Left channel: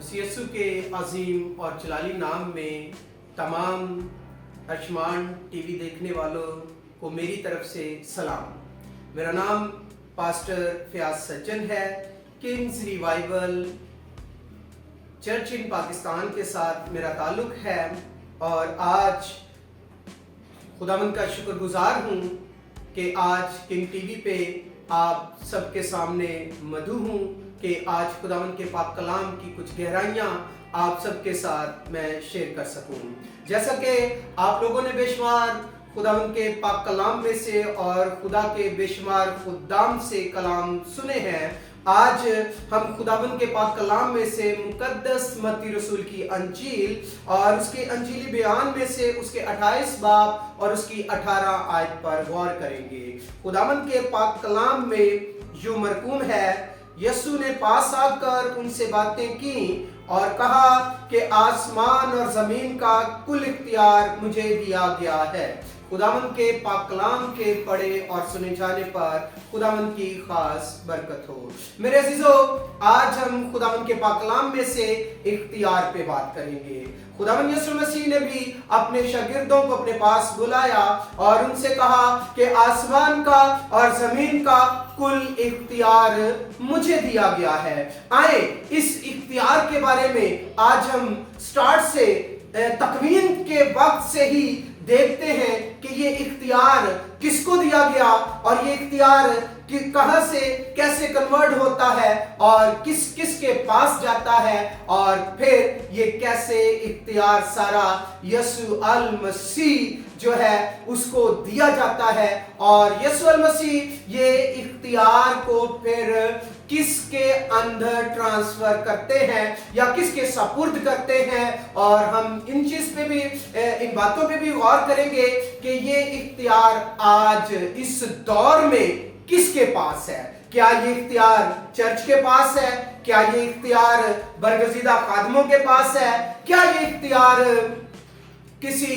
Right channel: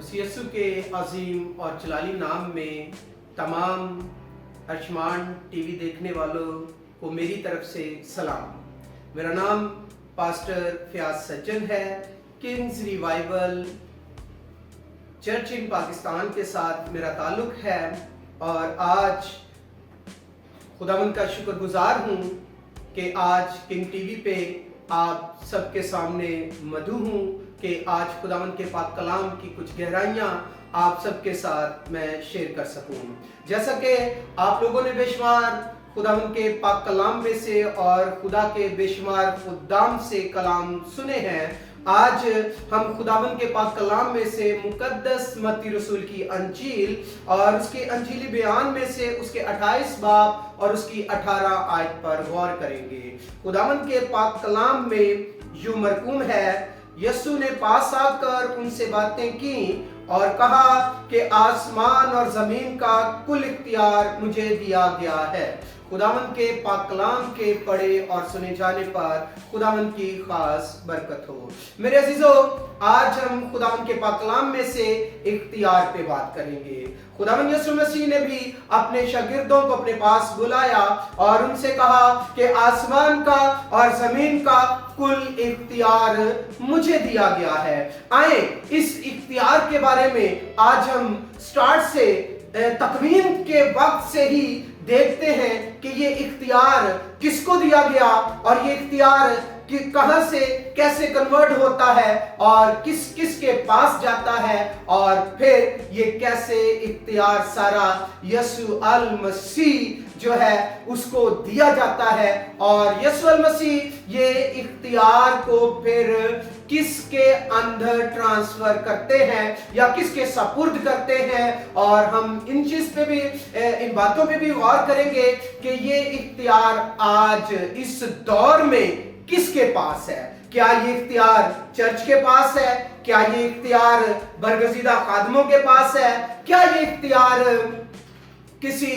मसीह यीशु के अजीम और जलाली नाम में तमाम अर्शमान टीवी देखने वालों को मेरी तरफ से सलाम। मेरा नाम पास्टर फयाज सज्जन है। किंग्स रिवाइवल चर्च इन पाकिस्तान के साथ मेरा ताल्लुक है और आज खुदावंद का शुक्रगुजार हूँ कि आज किंग टीवी पे आप सबके सामने मधु हूँ कि आज खुदावंद के पाक कलाम की कुछ गहराइयाँ आप सबके साथ मैं शेयर कर सकूँ। जैसा कि आप लोगों ने बेशुमार खुदावंद के पाक कलाम में से और खुदा के बेशुमार खुदाम से कलाम सुने हैं, आज हम खुदावंद के पाक कलाम में से मुकद्दस मत्ती रसूल की अंजील और उसके अंजीली बयान में से उसके 28 बाब और उसकी 18 आयत पर गौर करेंगे। खुदावंद के पाक कलाम में यूं मरकूम है, यीशु ने पास आकर उनसे बातें की और कहा कि आसमान और जमीन का कुल इख्तियार मुझे दिया गया है। खुदावंद के पाक कलाम के पढ़े और सुने जाने पर खुदावंद की खास बरकत हो। मेरे अजीजों, आज हम खुदावंद के पाक कलाम में से इख्तियार पे बात करेंगे। खुदावंद यीशु मसीह ने भी अपने शागिर्दों को अपने पास बुलाया और उनसे कहा कि आसमान का और जमीन का कुल इख्तियार मुझे दिया गया है। आए इस इख्तियार के बारे में आज हम स्टार्ट से तकवीन के वक्त से ही देखते हैं कि ये इख्तियार किसको दिया गया और ये इख्तियार कि कहां से कैसे कन्वर्ट होता है और किस किस के पास जाता है और फिर ये कैसे इख्तियार सारा यीशु अल मसीह जो है उसको दिया जाता है और यीशु अल मसीह ये इख्तियार को फिर किसके अंदर ट्रांसफर करते हैं या किसके सपुर्द करते हैं। और हम इन चीज पे भी इन बातों पे भी गौर करेंगे कि ये इख्तियार आज इस दौर में किसके पास है। क्या ये इख्तियार चर्च के पास है? क्या ये इख्तियार बरगजीदा खादमों के पास है? क्या ये इख्तियार किसी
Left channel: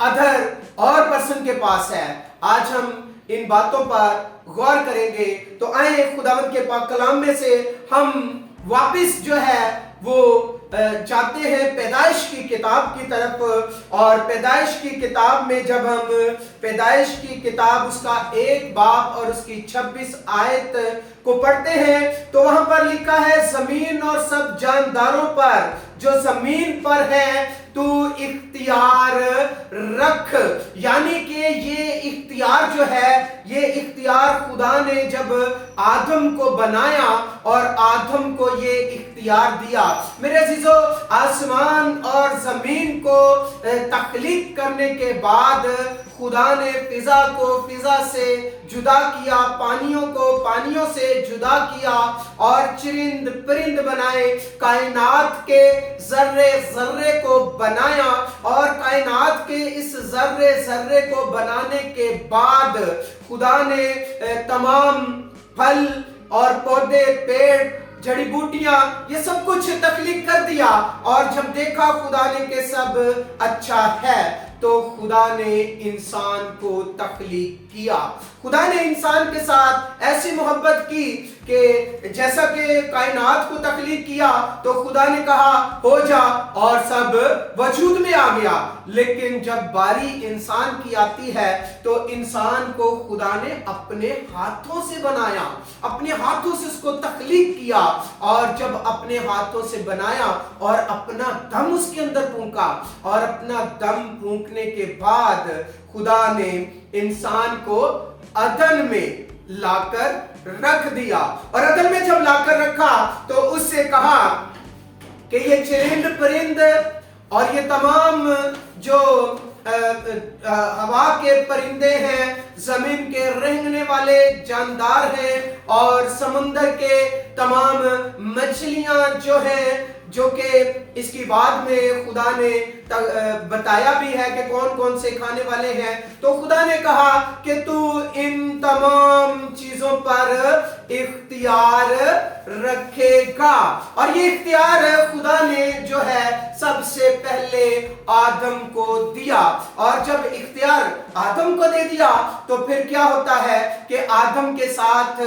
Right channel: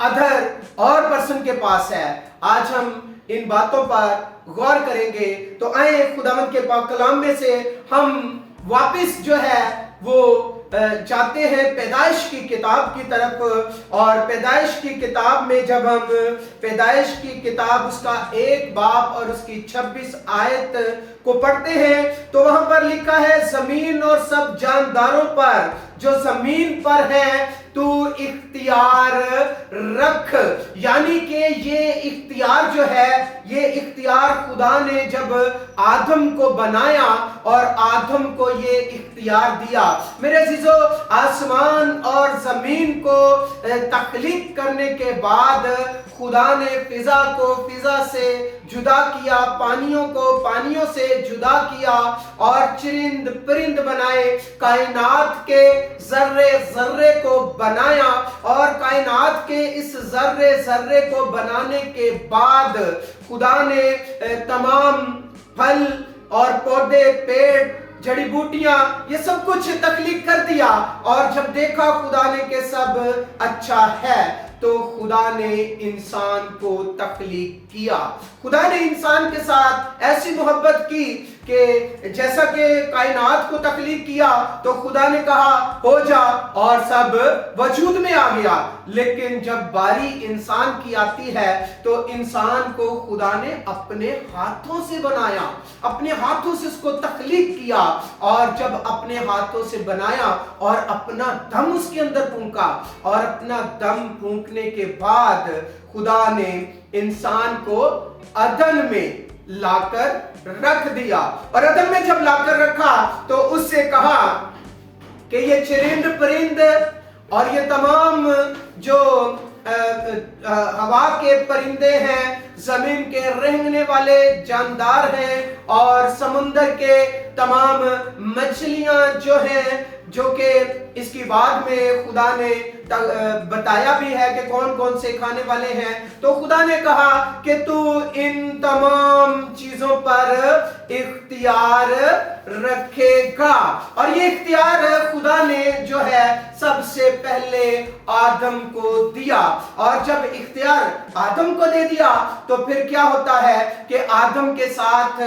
अदर और पर्सन के पास है? आज हम इन बातों पर गौर करेंगे। तो आए खुदावंद के पाक कलाम में से हम वापस जो है वो जाते हैं पैदाइश की किताब की तरफ। और पैदाइश की किताब में जब हम पैदाइश की किताब उसका 1 बाब और उसकी 26 आयत को पढ़ते हैं तो वहां पर लिखा है, जमीन और सब जानदारों पर जो जमीन पर है तू इख्तियार रख। यानी कि ये इख्तियार जो है ये इख्तियार खुदा ने जब आदम को बनाया और आदम को ये इख्तियार दिया। मेरे अजीजों, आसमान और जमीन को तख्लीक करने के बाद खुदा ने फिजा को फिजा से जुदा किया, पानियों को पानियों से जुदा किया और चिरिंद परिंद बनाए, कायनात के जर्रे जर्रे को बनाया और कायनात के इस जर्रे जर्रे को बनाने के बाद खुदा ने तमाम फल और पौधे, पेड़, जड़ी बूटियां ये सब कुछ तख्लीक कर दिया। और जब देखा खुदा ने कि सब अच्छा है तो खुदा ने इंसान को तख्लीक किया। खुदा ने इंसान के साथ ऐसी मोहब्बत की कि जैसा कि कायनात को तख्लीक किया तो खुदा ने कहा हो जा और सब वजूद में आ गया। लेकिन जब बारी इंसान की आती है तो इंसान को खुदा ने अपने हाथों से बनाया, अपने हाथों से उसको तख्लीक किया। और जब अपने हाथों से बनाया और अपना दम उसके अंदर फूंका और अपना दम फूंकने के बाद खुदा ने इंसान को अदन में लाकर रख दिया। और अदन में जब लाकर रखा तो उससे कहा कि ये चिरिंद परिंद और ये तमाम जो हवा के परिंदे हैं, जमीन के रेंगने वाले जानदार हैं और समुंदर के तमाम मछलियां जो हैं, जो कि इसकी बाद में खुदा ने बताया भी है कि कौन कौन से खाने वाले हैं। तो खुदा ने कहा कि तू इन तमाम चीजों पर इख्तियार रखेगा। और ये इख्तियार खुदा ने जो है सबसे पहले आदम को दिया, और जब इख्तियार आदम को दे दिया तो फिर क्या होता है कि आदम के साथ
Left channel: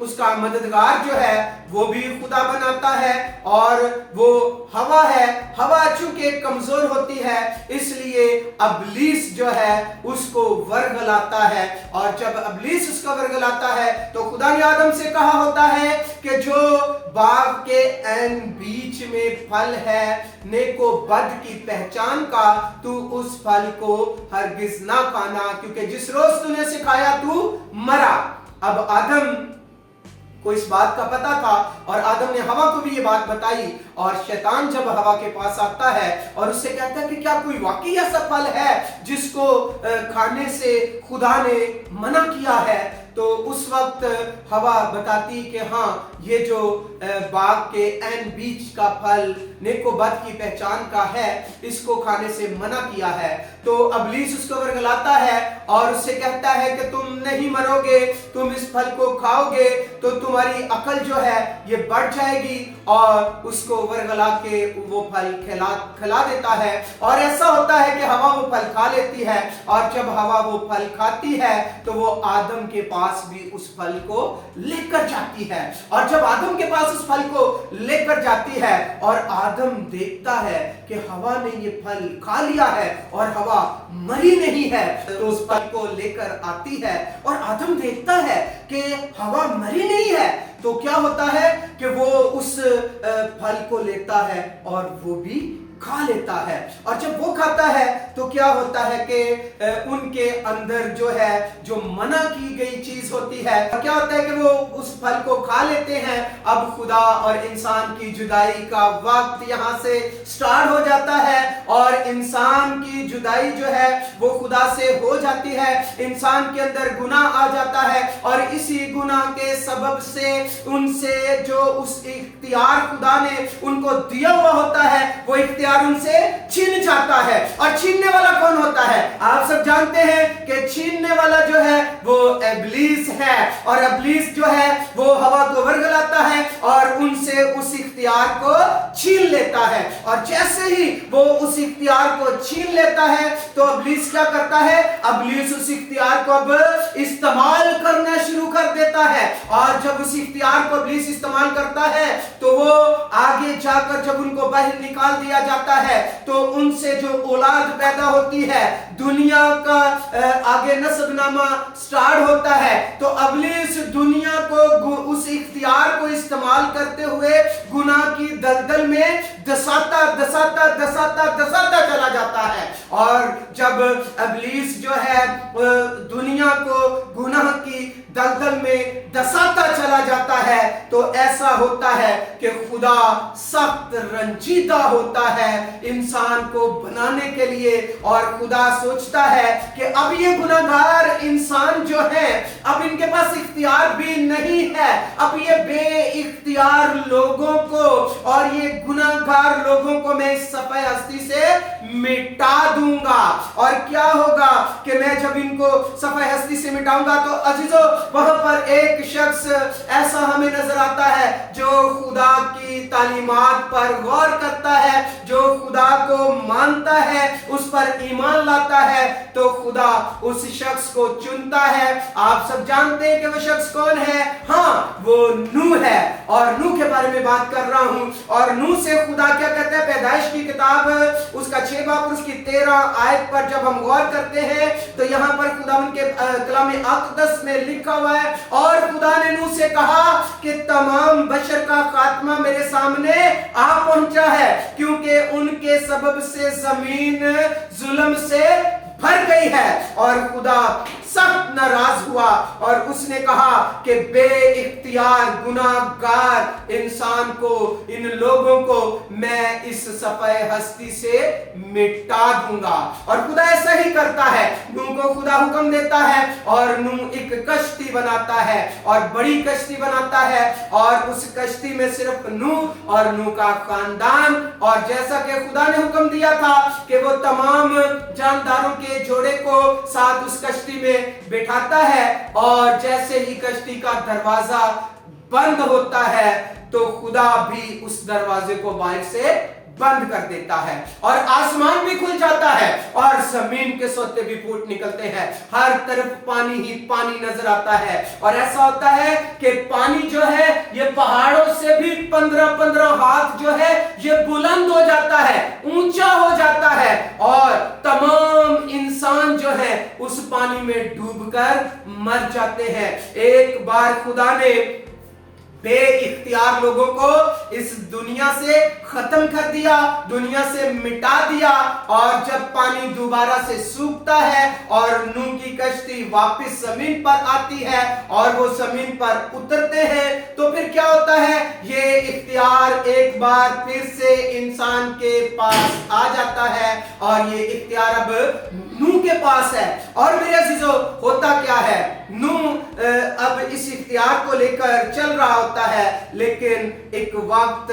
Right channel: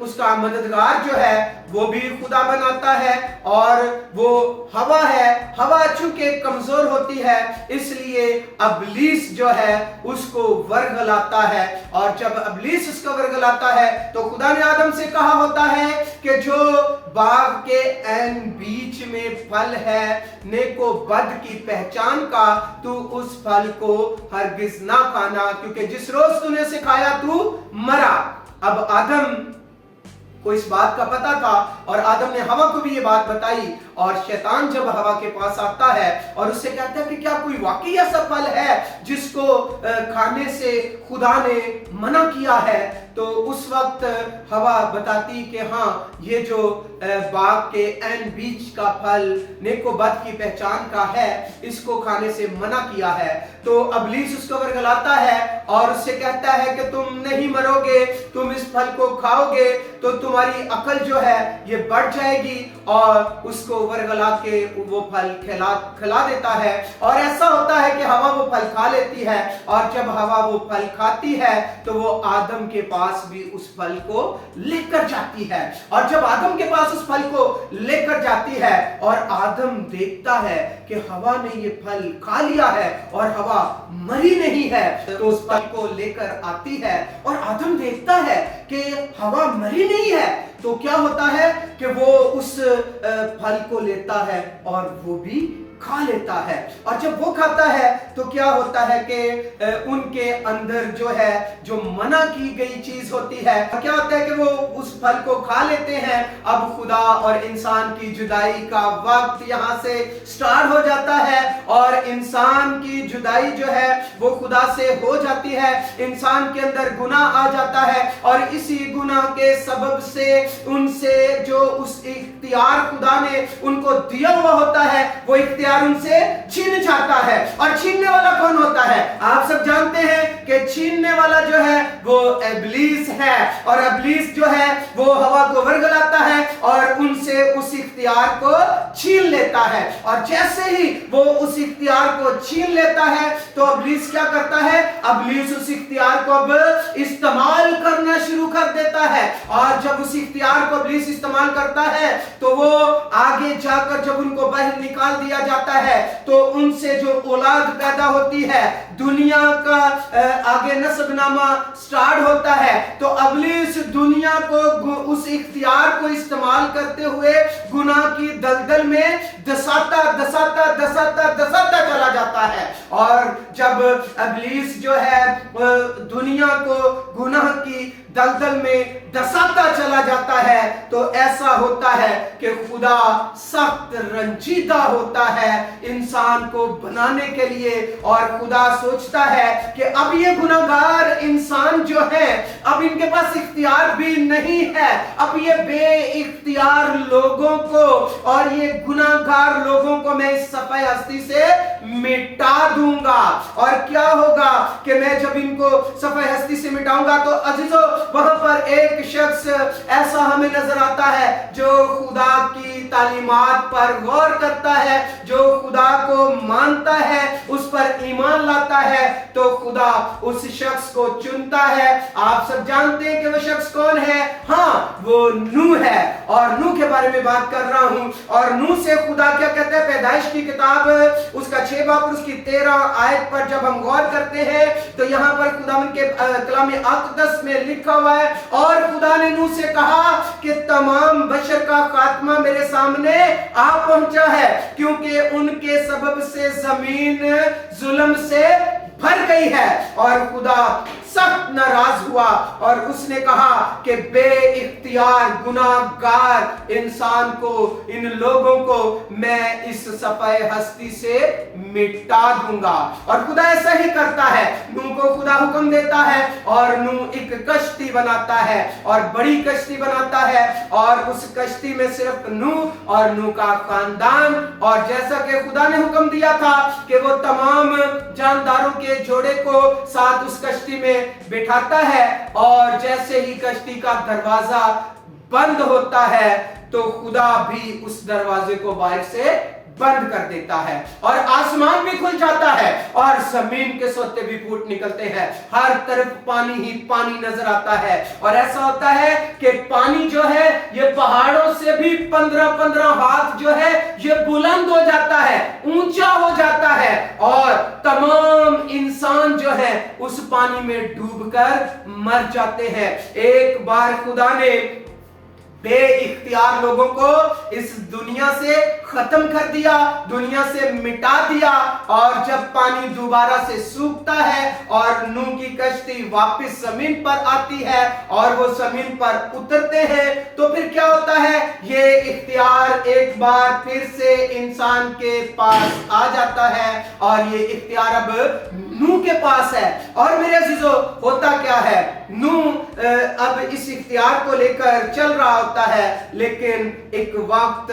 उसका मददगार जो है वो भी खुदा बनाता है, और वो हवा है। हवा चूंकि कमजोर होती है इसलिए अबलीस जो है उसको वर्गलाता है, और जब अबलीस उसको वर्गलाता है तो खुदा ने आदम से कहा होता है कि जो बाग के ऐन बीच में फल है नेको बद की पहचान का, तू उस फल को हरगिज ना खाना, क्योंकि जिस रोज तूने उसे खाया तू मरा। अब आदम को इस बात का पता था, और आदम ने हवा को भी ये बात बताई, और शैतान जब हवा के पास आता है और उससे कहता है कि क्या कोई वाकई ऐसा फल है जिसको खाने से खुदा ने मना किया है, तो उस वक्त हवा बताती कि हाँ, ये जो बाग के ऐन बीच का फल नेको बद की पहचान का है, इसको खाने से मना किया है। तो अबलीस उसको वर्गलाता है और उससे कहता है कि तुम नहीं मरोगे, तुम इस फल को खाओगे तो तुम्हारी अकल जो है ये बढ़ जाएगी, और उसको वर्गला के वो फल खिला देता है। और ऐसा होता है कि हवा वो फल खा लेती है, और जब हवा वो फल खाती है तो वो आदम के पास भी उस फल को लेकर जाती है, और जब आदम के पास उस फल को लेकर जाती है और आदम देखता है कि हवा ने ये फल खा लिया है और हवा मरी नहीं है, तो उस फल को लेकर आती है और आदम देखता है कि हवा मरी नहीं है, तो क्या होता है कि वो उस फल को लेता है और वो भी खा लेता है। और जब वो खाता है तो क्या होता है कि उनके अंदर जो है जो मना की गई चीज होती है, क्या होता है कि वो उस फल को खा लेते हैं। अब खुदा और इंसान की जुदाई का वक्त यहाँ से स्टार्ट हो जाता है, और इंसान की जुदाई जो है वो खुदा से हो जाती है। इंसान के अंदर गुनाह आ जाता है, और इसी गुनाह के सबब से उनसे जो उस इख्तियार खुदा ने उनको दिया हुआ होता है वो इख्तियार उनसे छीन जाता है। और छीनने वाला कौन होता है? आप सब जानते हैं कि छीनने वाला जो है वो इब्लीस है, और इब्लीस जो है वो हवा को वर्गलाता है और उनसे उस इख्तियार को छीन लेता है। और जैसे ही वो उस इख्तियार को छीन लेता है तो इब्लीस क्या करता है? इब्लीस उस इख्तियार को अब इस्तेमाल करना शुरू कर देता है, और जब उस इख्तियार को इब्लीस इस्तेमाल करता है तो वो आगे जाकर जब उनको बाहर निकाल दिया जाता है तो उनसे जो औलाद पैदा होती है, दुनिया का आगे नस्बनामा स्टार्ट होता है। तो इब्लीस दुनिया को उस इख्तियार को इस्तेमाल करते हुए गुनाह की दलदल में दसाता चला जाता है। और जब इब्लीस जो है दुनिया को गुनाह की दलदल में दसाता चला जाता है तो ऐसा होता है कि खुदा सख्त रंजीदा होता है इंसान को बनाने के लिए, और खुदा सोचता है कि अब ये गुनाहगार इंसान जो है अब इनके पास इख्तियार भी नहीं है, अब ये बेइख्तियार लोगों को और ये गुनाहगार लोगों को मैं इस सफाई हस्ती से मिटा दूंगा। और क्या होगा कि मैं जब इनको सफाई हस्ती से मिटाऊंगा तो अजीजों वहां पर एक शख्स ऐसा हमें नजर आता है जो खुदा की तालीमात पर गौर करता है, जो खुदा को मानता है, उस पर ईमान लाता है, तो खुदा उस शख्स को चुनता है। आप सब जानते हैं कि वो शख्स कौन है? हाँ, वो नूह है, और नूह के बारे में बात कर रहा हूं। और नूह से खुदा क्या कहते हैं? पैदाइश की किताब उसका 6 बाब और उसकी 13 आयत पर जब हम गौर करते हैं तो यहाँ पर खुदा के कलाम अक़दस में लिखा हुआ है, और खुदा ने नूह से कहा कि तमाम बशर का खात्मा मेरे सामने आ पहुंचा है, क्योंकि उनके सबब से जमीन जुल्म से भर गई है। और खुदा सख्त नाराज हुआ और उसने कहा कि बेइख्तियार गुनाहगार इंसान को, इन लोगों को मैं इस सफाई हस्ती से मिटा दूंगा। और खुदा ऐसा ही करता है। नूह को खुदा हुक्म देता है और नूह एक कश्ती बनाता है, और बड़ी कश्ती बनाता है, और उस कश्ती में सिर्फ नूह और नूह का खानदान, और जैसा कि खुदा ने हुक्म दिया था कि वो तमाम जानदारों के जोड़े को साथ उस कश्ती में बिठाता है, और जैसे ही कश्ती का दरवाजा बंद होता है तो खुदा भी उस दरवाजे को बाहर से बंद कर देता है और आसमान भी खुल जाता है और जमीन के सोते भी फूट निकलते हैं। हर तरफ पानी ही पानी नजर आता है और ऐसा होता है कि पानी जो है ये पहाड़ों से भी 15-15 हाथ जो है ये बुलंद हो जाता है, ऊंचा हो जाता है और तमाम इंसान जो है उस पानी में डूबकर मर जाते हैं। एक बार खुदा ने बे इख्तियार लोगों को इस दुनिया से खत्म कर दिया, दुनिया से मिटा दिया और जब पानी दोबारा से सूखता है और नूह की कश्ती वापस जमीन पर आती है और वो जमीन पर उतरते हैं तो फिर क्या होता है, ये इख्तियार एक बार फिर से इंसान के पास आ जाता है और ये इख्तियार अब नूह के पास है। और मेरे अजीजों, होता क्या है, नूह अब इस इख्तियार को लेकर चल रहा होता है, लेकिन एक वक्त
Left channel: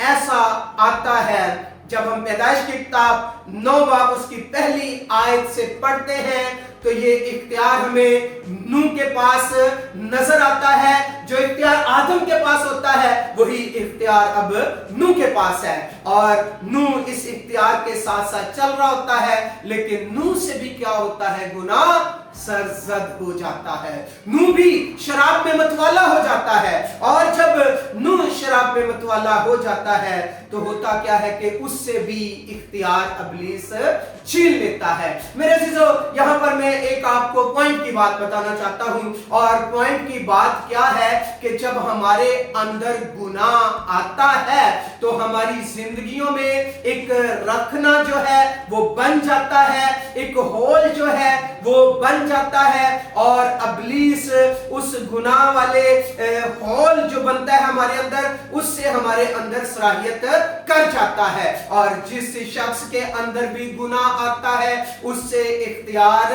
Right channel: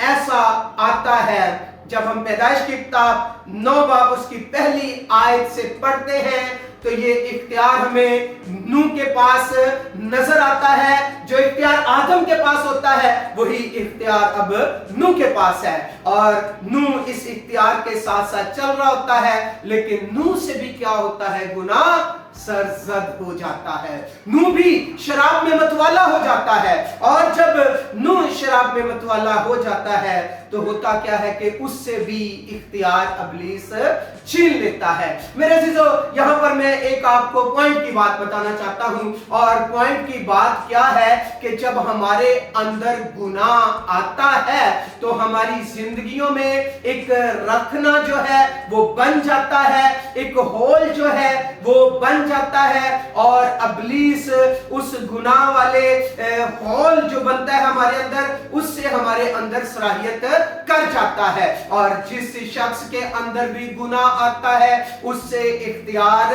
ऐसा आता है जब हम पैदाइश की किताब 9 बाब उसकी पहली आयत से पढ़ते हैं तो ये इख्तियार हमें नूह के पास नजर आता है। जो इख्तियार आदम के पास होता है वही इख्तियार अब नूह के पास है और नूह इस इख्तियार के साथ साथ चल रहा होता है, लेकिन नूह से भी क्या होता है, गुनाह सरजद हो जाता है। नूह भी शराब में मतवाला हो जाता है और जब नूह शराब में मतवाला हो जाता है तो होता क्या है कि उससे भी इख्तियार इब्लीस छीन लेता है। मेरे अजीजों, यहां पर मैं एक आपको पॉइंट की बात बताना चाहता हूं और पॉइंट की बात क्या है कि जब हमारे अंदर गुनाह आता है तो हमारी जिंदगियों में एक रखना जो है वो बन जाता है, एक होल जो है वो बन जाता है और इब्लीस उस गुनाह वाले होल जो बनता है हमारे अंदर, उससे हमारे अंदर सलाहियत कर जाता है और जिस शख्स के अंदर भी गुनाह आता है उससे इख्तियार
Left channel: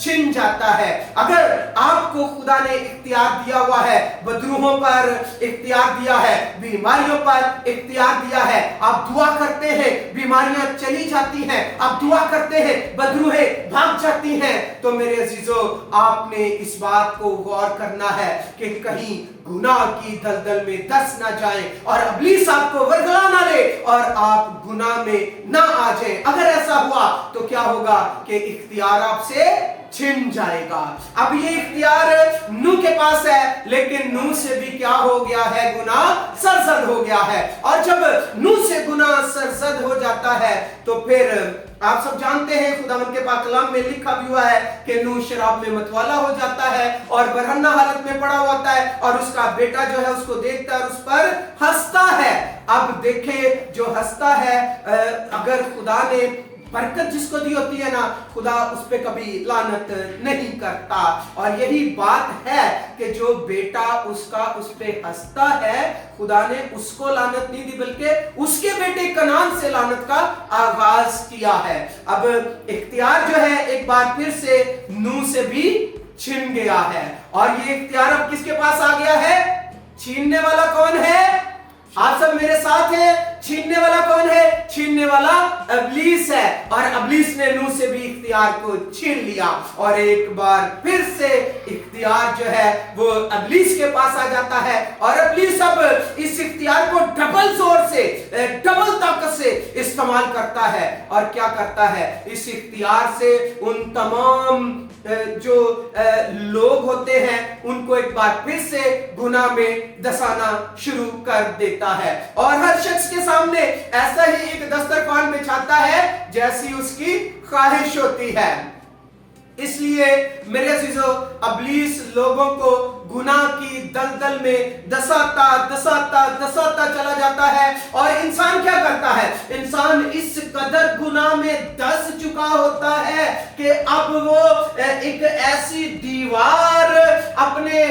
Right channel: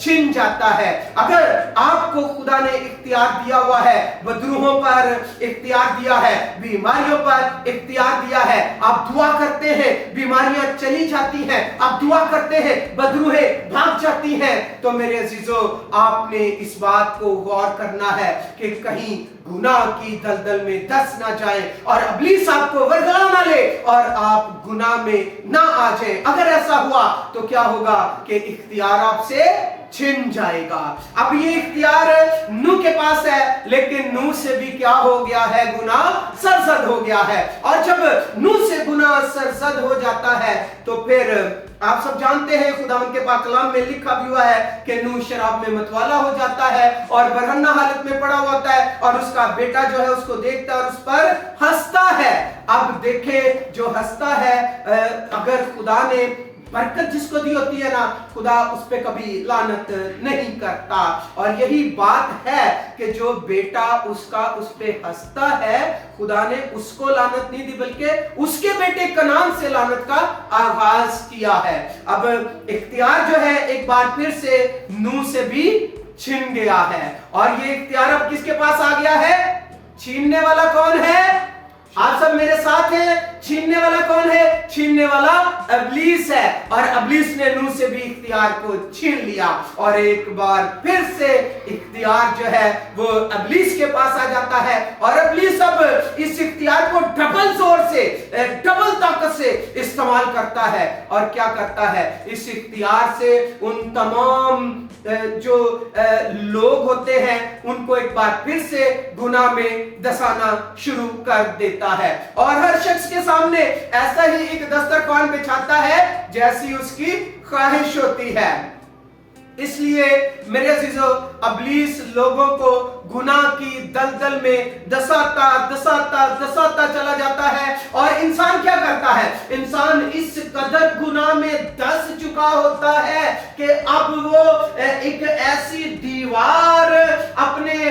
छिन जाता है। अगर आपको खुदा ने इख्तियार दिया हुआ है, बदरूहों पर इख्तियार दिया है, बीमारियों पर इख्तियार दिया है, आप दुआ करते हैं बीमारियां चली जाती हैं, आप दुआ करते हैं बदरूहें भाग जाती हैं, तो मेरे अजीजों आपने इस बात को गौर करना है कि कहीं गुनाह की दलदल में दस ना जाए और इब्लीस आपको वरगला ना ले और आप गुनाह में ना आ जाए। अगर ऐसा हुआ तो क्या होगा कि इख्तियार आपसे छिन जाएगा। अब ये इख्तियार नूह के पास है, लेकिन नूह से भी क्या हो गया है, गुनाह सरजद हो गया है और जब नूह से गुनाह सरजद हो जाता है तो फिर आप सब जानते हैं खुदावंद के पाक कलाम में लिखा भी हुआ है कि नूह शराब में मतवाला हो जाता है और बरहन्ना हालत में पड़ा होता है और उसका बेटा जो है उसको देखता है और उस पर हंसता है। अब देखें, जो हंसता है, अगर खुदा ने बरकत जिसको दी होती है ना, खुदा उस पे कभी लानत नहीं करता और यही बात है कि जो बेटा उसका उस पे हंसता है, खुदा ने उसको लानत नहीं दी बल्कि उसके बेटे कनान से लानत का आगाज किया है। अब इख्तियार जो है एक बार फिर से नूह से भी छिन गया है और ये इख्तियार अब किसके पास आ गया है, छीनने वाला कौन है, आप सब मेरे साथ हैं, छीनने वाला कौन है, छीनने वाला इब्लीस है और इब्लीस ने नूह से भी इख्तियार को छीन लिया और एक बार फिर से इख्तियार जो है वो इब्लीस के पास आ जाता है और इब्लीस अब इस इख्तियार को डबल जोर से, डबल ताकत से इस्तेमाल करता है और क्या करता है, इस इख्तियार से उन तमाम जो लोग होते हैं उनको एक बार फिर से गुनाह में दसाना शुरू कर देता है और हर शख्स के सामने ऐसा ही एक दस्तरखान बिछाता है जैसी उसकी ख्वाहिश होती है। इसलिए मेरे अजीजों, इब्लीस लोगों को गुनाह की दलदल में दसाता चला जाता है और इंसान क्या करता है, इंसान इस कदर गुनाह में दस चुका होता है कि अब वो एक ऐसी दीवार अपने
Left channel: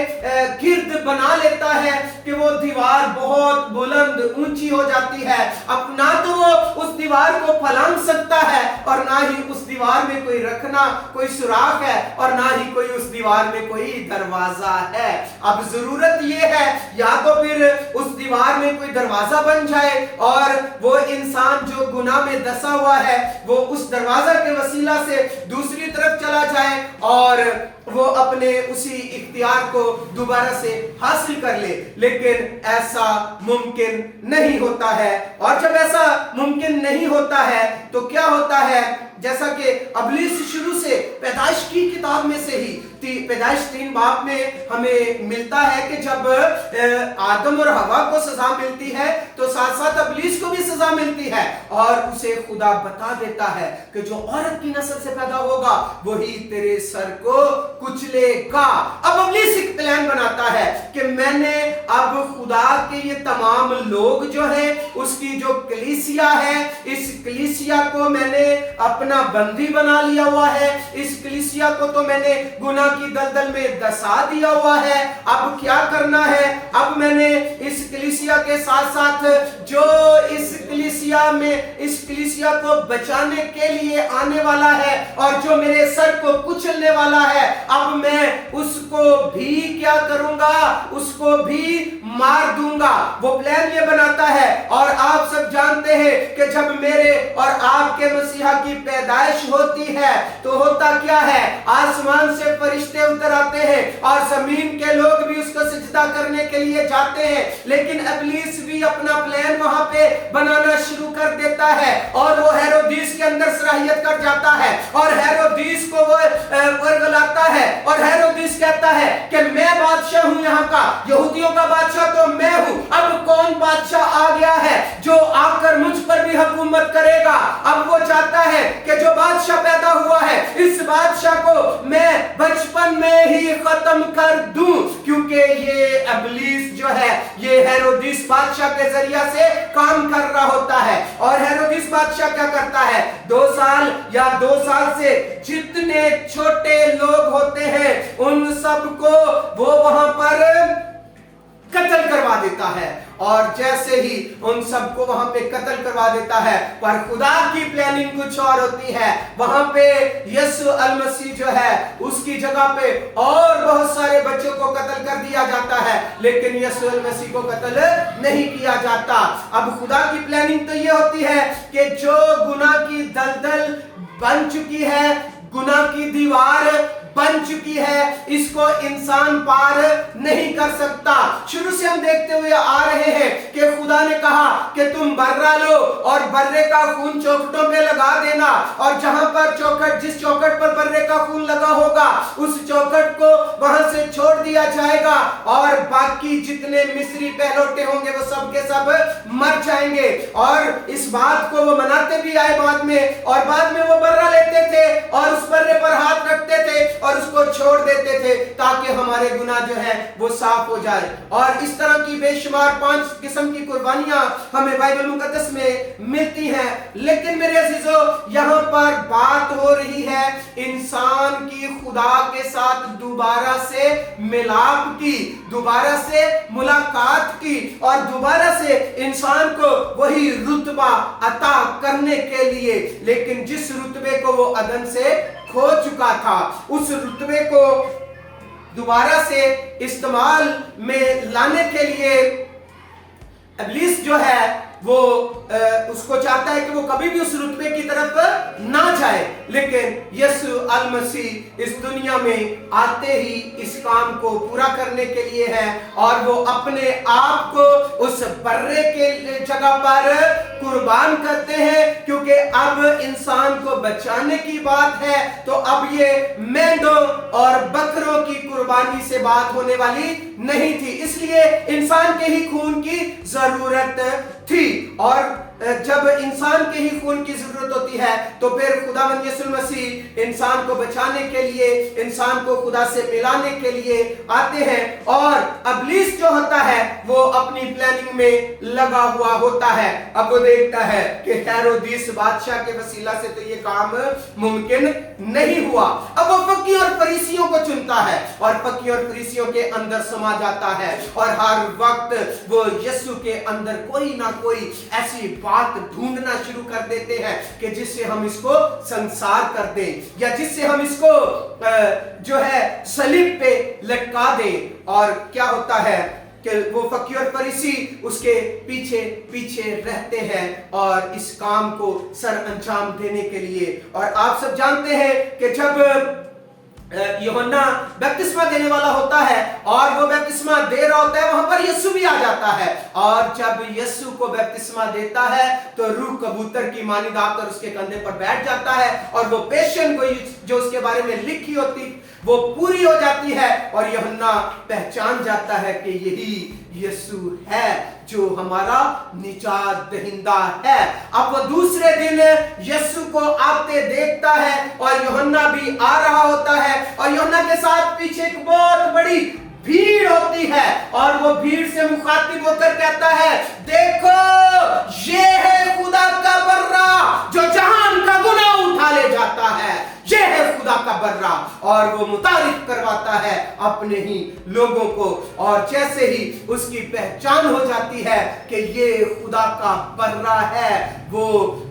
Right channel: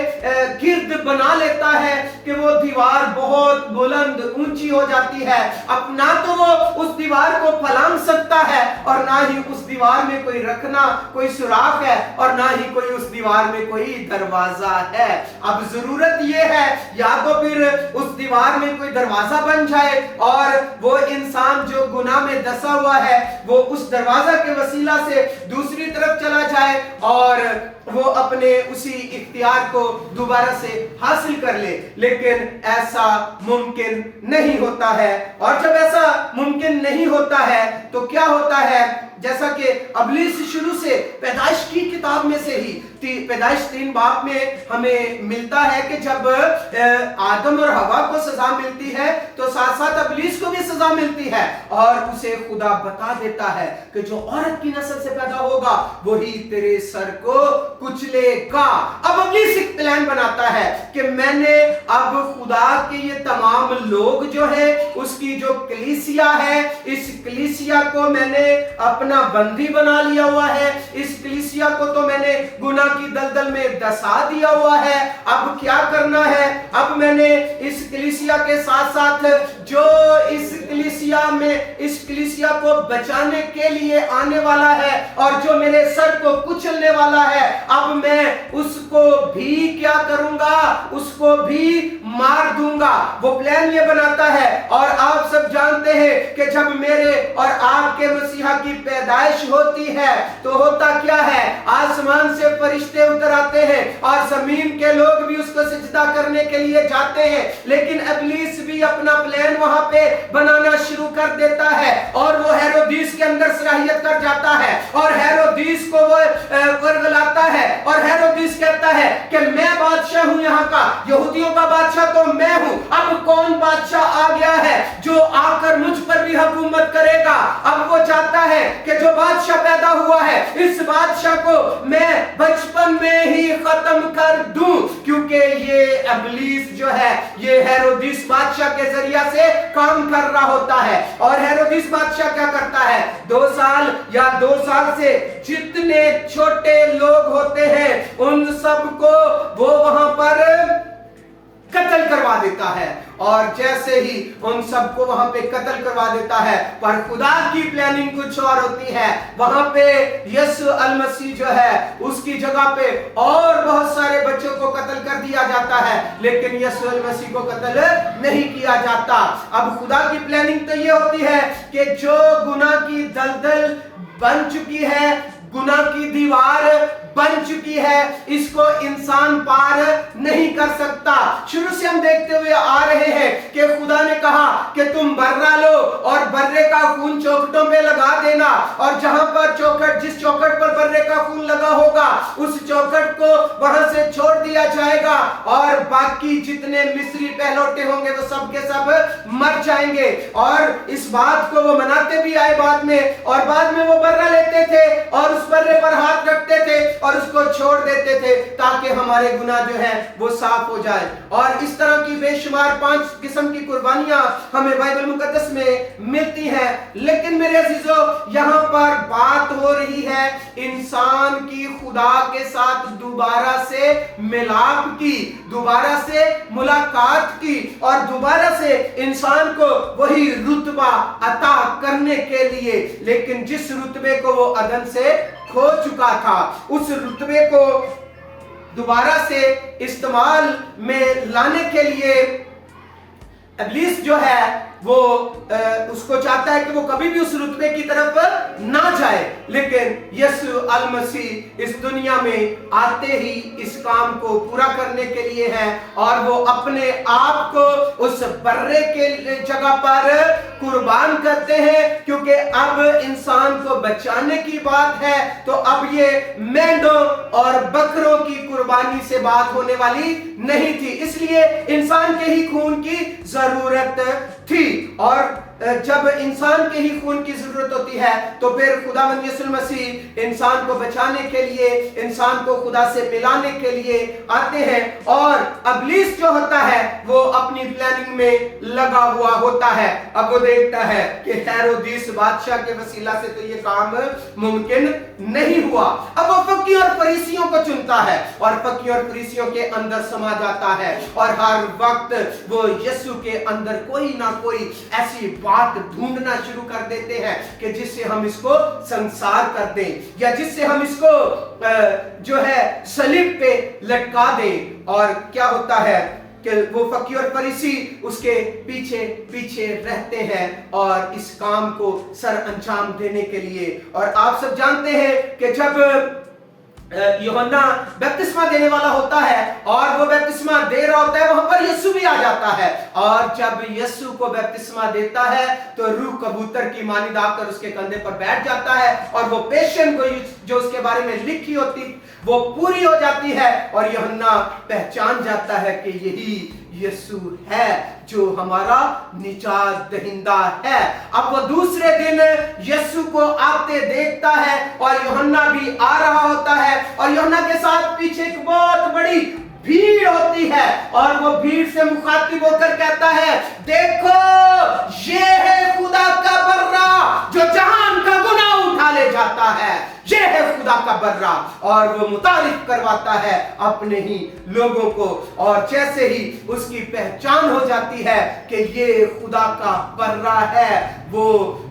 गिर्द बना लेता है कि वो वो दीवार बहुत बुलंद ऊंची हो जाती है। अब ना तो वो उस दीवार को फलांग सकता है और ना ही उस दीवार में कोई रखना कोई सुराख है और ना ही कोई उस दीवार में कोई दरवाजा है। अब जरूरत ये है या तो फिर उस दीवार में कोई दरवाजा बन जाए और वो इंसान जो गुनाह में दसा हुआ है वो उस दरवाजा के वसीला से दूसरी तरफ चला जाए और वो अपने उसी इख्तियार को दोबारा से हासिल कर ले, लेकिन ऐसा मुमकिन नहीं होता है। और जब ऐसा मुमकिन नहीं होता है तो क्या होता है, जैसा कि इब्लीस शुरू से पैदाइश की किताब में से ही पैदाइश 3 बाब में हमें मिलता है कि जब आदम और हवा को सजा मिलती है तो साथ साथ इब्लीस को भी सजा मिलती है और उसे खुदा बता देता है कि जो औरत की नस्ल से पैदा होगा वही तेरे सर को कुचलेगा। अब इब्लीस एक प्लान बनाता है कि मैंने अब खुदा के ये तमाम लोग जो है उसकी जो कलीसिया है, इस कलीसिया को मैंने अपना बंदी बना लिया हुआ है, इस कलीसिया को तो मैंने गुनाह की दलदल में दसा दिया हुआ है। अब क्या करना है, अब मैंने इस कलीसिया के साथ साथ जो इस कलीसिया को बचाने के लिए आने वाला है और जो मेरे सर को कुचलने वाला है, अब मैं उसको भी क्या करूंगा, उसको भी मार दूंगा। वो प्लान ये बनाता है और आप सब जानते हैं कि जब मेरे और आपके मसीहा की पैदाइश होती है तो होता क्या है, आसमान से फरिश्ते उतर आते हैं और जमीन के लोग भी उसको सिजदा करने के लिए जाते हैं, लेकिन इब्लीस भी अपना प्लान वहां पे बनाना शुरू कर देता है और वो हेरोदिस के अंदर सलाहियत कर जाता है और हेरोदिस को वो वर्गलाता है और हेरोदिस कहता है कि मैं बादशाह हूं यहाँ का, यहूदियों का बादशाह तो मैं हूं, अब कौन बादशाह आ गया है जो आकर मुझ पर भी हुकूमत करेगा। अब वो चाहता है कि जो बादशाह पैदा हुआ है इस बादशाह को मैं बचपन में ही खत्म कर दूं, क्योंकि ये इब्लीस जो है ये हेरोदिस बादशाह के जरिया से काम कर रहा होता है। और हेरोदिस बादशाह क्या करता है, 2 साल या 2 साल से जितने छोटे लोग होते हैं उन सबको वो वहां पर कत्ल करवा देता है और जैसे ही उन सबको वहां पे कत्ल करवा देता है, पर खुदा की प्लानिंग कुछ और होती है। वहां पे यीशु अल मसीह जो है उसकी जगह पे और बहुत सारे बच्चों को कत्ल कर दिया जाता है, लेकिन यीशु अल मसीह को कत्ल नहीं किया जाता। अब खुदा की प्लानिंग तो ये होती है कि जो गुनाह की दलदल बन चुकी है, गुनाह की दीवार बन चुकी है, इसको इंसान पार नहीं कर सकता। शुरू से हम देखते हुए आ रहे हैं कि खुदा ने कहा कि तुम बर्रा लो और बर्रे का खून चौखटों पे लगा देना और जहां पर चौखट, जिस चौखट पर बर्रे का खून लगा होगा उस चौखट को वहां से छोड़ दिया जाएगा और बाकी जितने मिस्री पहलौटे होंगे वो सब के सब मर जाएंगे। और इस बात को वो मनाते भी आए बाद में, और बाद में वो बर्रा लेते थे और उस बर्रे पर हाथ रखते थे और उसको छोड़ देते थे ताकि हमारे गुनाह जो है वो साफ हो जाए। और इस तरह की बेशुमार 5 किस्म की कुर्बानियां हमें बाइबल मुकद्दस में मिलती हैं। लेकिन मेरे अजीजों, यहाँ पर बात हो रही है इंसान की खुदा के साथ दोबारा से मिलाप की, दोबारा से मुलाकात की और दोबारा से इंसान को वही रुतबा अता करने के लिए, लेकिन जिस रुतबे को वो अदन से खो चुका था उस रुतबे को दोबारा से इस्तेमाल में लाने के लिए इब्लीस जो है वो उसको चाहता है कि वो कभी भी उस रुतबे की तरफ ना जाए, लेकिन यीशु अल मसीह इस दुनिया में आते ही इस काम को पूरा करने के लिए है और वो अपने आप को उस बर्रे के जगह पर कुर्बान करते हैं, क्योंकि अब इंसान को बचाने की बात है तो अब ये मेंढों और बकरों की कुर्बानी से बात होने वाली नहीं थी, इसलिए इंसान के ही खून की जरूरत थी। और जब इंसान के ही खून की जरूरत होती है तो फिर खुदावंद यीशु मसीह इंसान को बचाने के लिए, इंसान को खुदा से मिलाने के लिए आते हैं। और इब्लीस जो होता है वो अपनी प्लानिंग में लगा हुआ होता है। अब वो देखता है कि हेरोदिस बादशाह के वसीला से तो ये काम मुमकिन नहीं हुआ। अब वो फक्की और फरीसियों को चुनता है और फक्की और फरीसियों के अंदर समा जाता है और हर वक्त वो यीशु के अंदर कोई ना कोई ऐसी बात ढूंढना शुरू कर देते हैं कि जिससे हम इसको संसार कर दें या जिससे हम इसको जो है सलीब पे लटका दें। और क्या होता है कि वो फकीर और फरीसी उसके पीछे पीछे रहते हैं और इस काम को सर अंजाम देने के लिए। और आप सब जानते हैं कि जब यूहन्ना बपतिस्मा देने वाला होता है और वो बपतिस्मा दे रहा होता है, वहां पर यीशु भी आ जाता है। और जब यीशु को बपतिस्मा देता है तो रूह कबूतर की मानिंद आकर उसके कंधे पर बैठ जाता है और वो पेशन जो उसके बारे में लिखी होती वो पूरी हो जाती है और यूहन्ना पहचान जाता है कि यही यीशु है जो हमारा निजात दहिंदा है। अब वो दूसरे दिन यीशु को आते देखता है और यूहन्ना भी आ रहा होता है और यूहन्ना के साथ पीछे एक बहुत बड़ी भीड़ होती है और वो भीड़ से मुखातिब होकर कहता है, देखो ये है खुदा का बर्रा जो जहान का गुनाह उठा ले जाता है, ये है खुदा का बर्रा। और वो मुतारिफ करवाता है अपने ही लोगों को और जैसे ही उसकी पहचान हो जाती है कि ये खुदा का बर्रा है, वो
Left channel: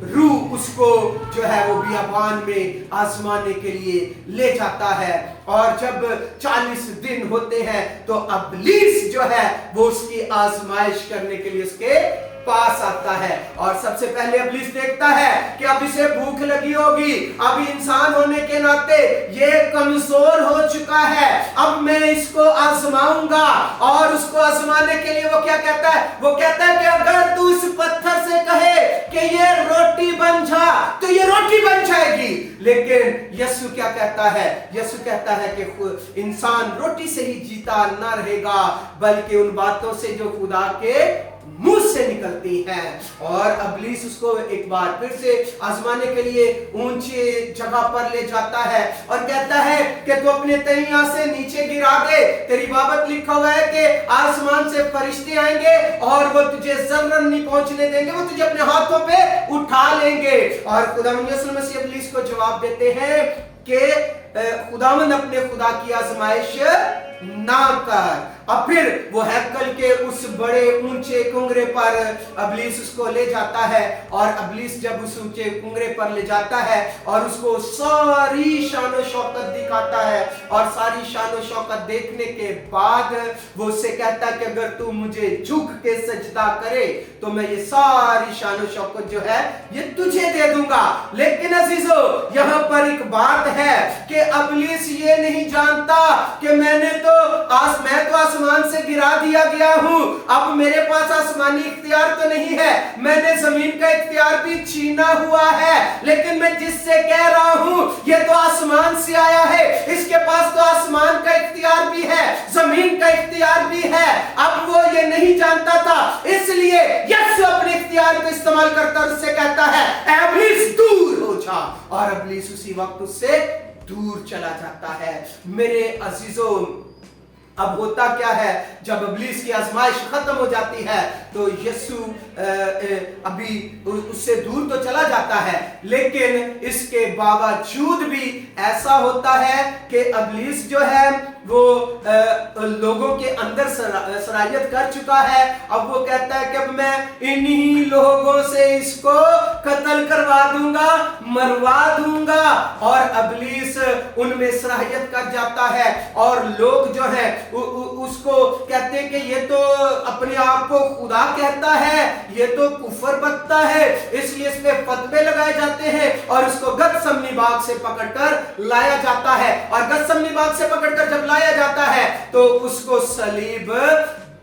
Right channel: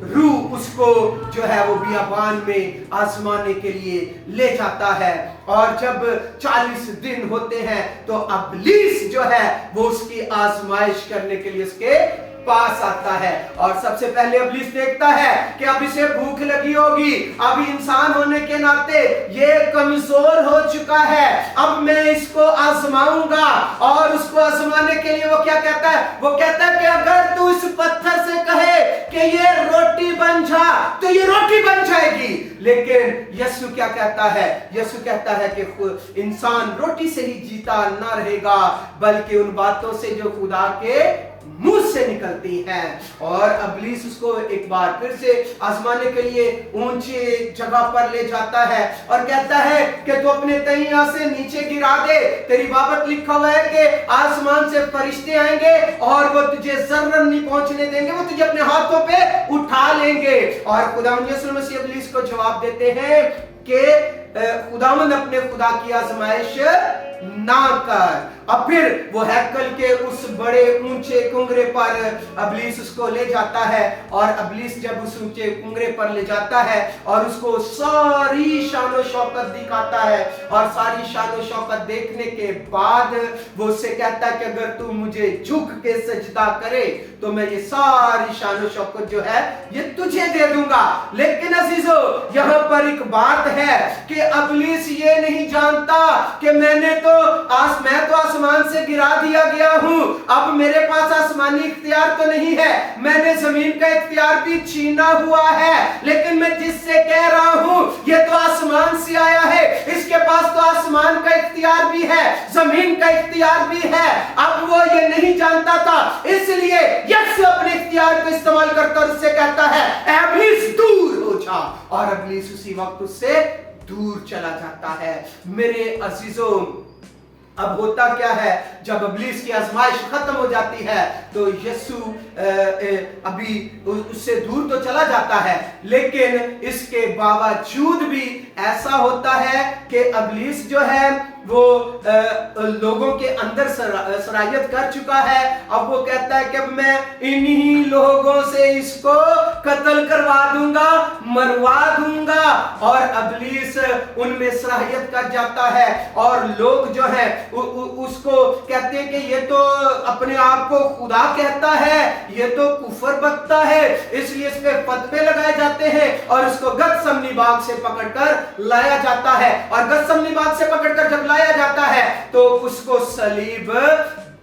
रूह उसको जो है वो बियाबान में आजमाने के लिए ले जाता है। और जब 40 दिन होते हैं तो इब्लीस जो है वो उसकी आजमाइश करने के लिए उसके पास आता है। और सबसे पहले इब्लीस देखता है कि अब इसे भूख लगी होगी, अब इंसान होने के नाते ये कमजोर हो चुका है, अब मैं इसको आजमाऊंगा। और उसको आजमाने के लिए वो क्या कहता है, वो कहता है कि अगर तू इस पत्थर से कहे कि ये रोटी बन जा तो ये रोटी बन जाएगी। लेकिन यीशु क्या कहता है, यीशु कहता है कि इंसान रोटी से ही जीता ना रहेगा बल्कि उन बातों से जो खुदा के मुंह से निकलती हैं। और इब्लीस उसको एक बार फिर से आजमाने के लिए ऊंची जगह पर ले जाता है और कहता है कि तू अपने तैया से नीचे गिरा दे, तेरी बाबत लिखा हुआ है कि आसमान से फरिश्ते आएंगे और वो तुझे जर्रन नहीं पहुंचने देंगे, वो तुझे अपने हाथों पे उठा लेंगे। और खुदावंद यीशु मसीह इब्लीस को जवाब देते हैं कि खुदावंद अपने खुदा की आजमाइश ना कर। अब फिर वो हैकल के उस बड़े ऊंचे कुंगरे पर इब्लीस उसको ले जाता है और इब्लीस जब उस ऊंचे कुंगरे पर ले जाता है और उसको सारी शान और शौकत दिखाता है और सारी शान और शौकत देखने के बाद वो उससे कहता है कि अगर तू मुझे झुक के सजदा करे तो मैं ये सारी शान और शौकत जो है ये तुझे दे दूंगा। लेकिन अजीजों यहाँ पर एक बात है कि इब्लीस ये नहीं जानता कि मैं तो आसमान से गिरा दिया गया हूं, अब मेरे पास आसमानी इख्तियार तो नहीं है, मैंने जमीन का इख्तियार भी छीना हुआ है। लेकिन मैं जिससे कह रहा हूं ये तो आसमान से आया है, इसके पास तो आसमान का इख्तियार भी है, जमीन का इख्तियार भी है। अब वो ये नहीं जानता था, इसलिए यीशु अपने इख्तियार को इस्तेमाल करता और उससे कहता है इब्लीस दूर हो जा। और इब्लीस उसी वक्त उससे दूर चला जाता है। मेरे अजीजों, अब होता क्या है, जब इब्लीस की आजमाइश खत्म हो जाती है तो यीशु अभी उससे दूर तो चला जाता है, लेकिन इसके बावजूद भी ऐसा होता है कि इब्लीस जो है वो लोगों के अंदर सरायत कर चुका है। अब वो कहता है कि अब मैं इन्हीं लोगों से इसको कत्ल करवा दूंगा, मरवा दूंगा। और इब्लीस उनमें सरायत कर जाता है और लोग जो हैं उसको कहते हैं कि ये तो अपने आप को खुदा कहता है, ये तो कुफर बकता है, इसलिए इस पे फतवे लगाए जाते हैं और उसको गतसमनी बाग से पकड़कर लाया जाता है। और गतसमनी बाग से पकड़कर जब लाया जाता है तो उसको सलीब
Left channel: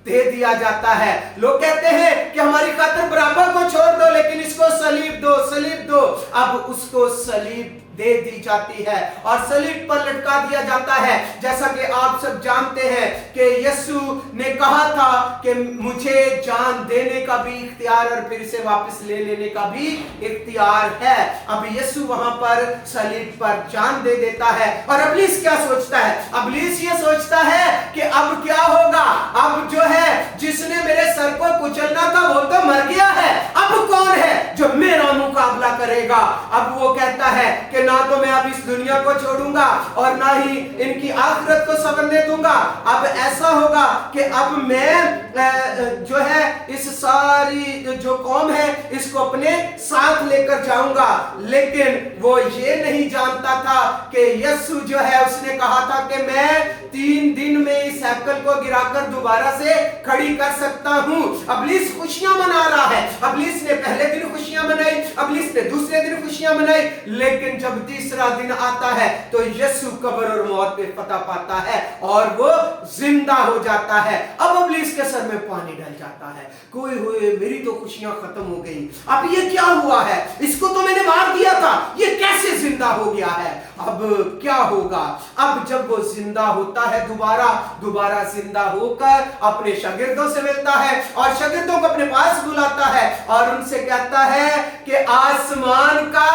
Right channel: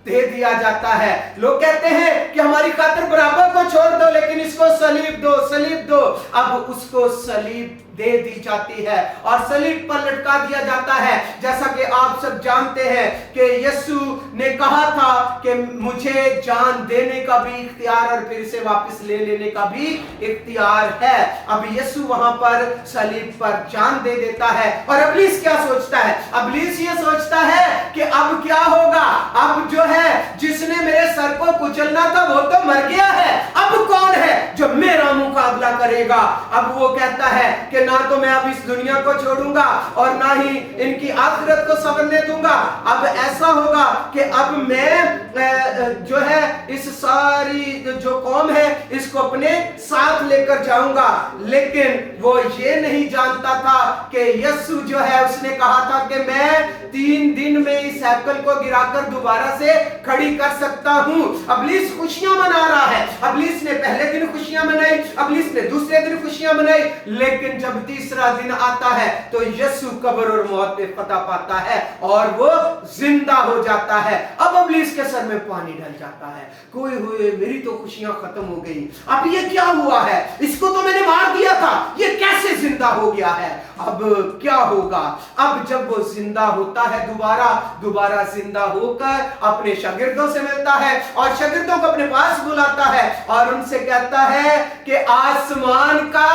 दे दिया जाता है। लोग कहते हैं कि हमारी खातिर बराबर को छोड़ दो लेकिन इसको सलीब दो, सलीब दो। अब उसको सलीब दे दी जाती है और सलीब पर लटका दिया जाता है। जैसा कि आप सब जानते हैं कि यीशु ने कहा था कि मुझे जान देने का भी इख्तियार और फिर से वापस ले लेने का भी इख्तियार है। अब यीशु वहां पर सलीब पर जान दे देता है और इब्लीस क्या सोचता है? इब्लीस ये सोचता है कि अब क्या होगा, अब जो है जिसने मेरे सर को कुचलना था वो तो मर गया है, अब कौन है जो मेरा मुकाबला करेगा? अब वो कहता है कि ना तो मैं अब इस दुनिया को छोड़ूंगा और ना ही इनकी आखिरत को संवरने दूंगा। अब ऐसा होगा कि अब मैं जो है इस सारी जो कौम है इसको अपने साथ लेकर जाऊंगा। लेकिन वो ये नहीं जानता था कि यीशु जो है उसने कहा था कि मैं 3 दिन में इस हैकल को गिराकर दोबारा से खड़ी कर सकता हूं। इब्लीस खुशियां मना रहा है। इब्लीस ने पहले दिन खुशियां मनाई, इब्लीस ने दूसरे दिन खुशियां मनाई, लेकिन जब तीसरा दिन आता है तो यीशु कब्र और मौत पे फतह पाता है और वो जिंदा हो जाता है। अब इब्लीस के सर में पानी डल जाता है, कोई हुए मेरी तो खुशियां खत्म हो गई, अब ये क्या हुआ है? इसको तो मैंने मार दिया था, ये कैसे जिंदा हो गया है? अब क्या होगा? अब जब वो जिंदा होता है दोबारा जिंदा होकर अपने शागिर्दों से मिलता है और शागिर्दों को अपने पास बुलाता है और उनसे कहता है कि आसमान का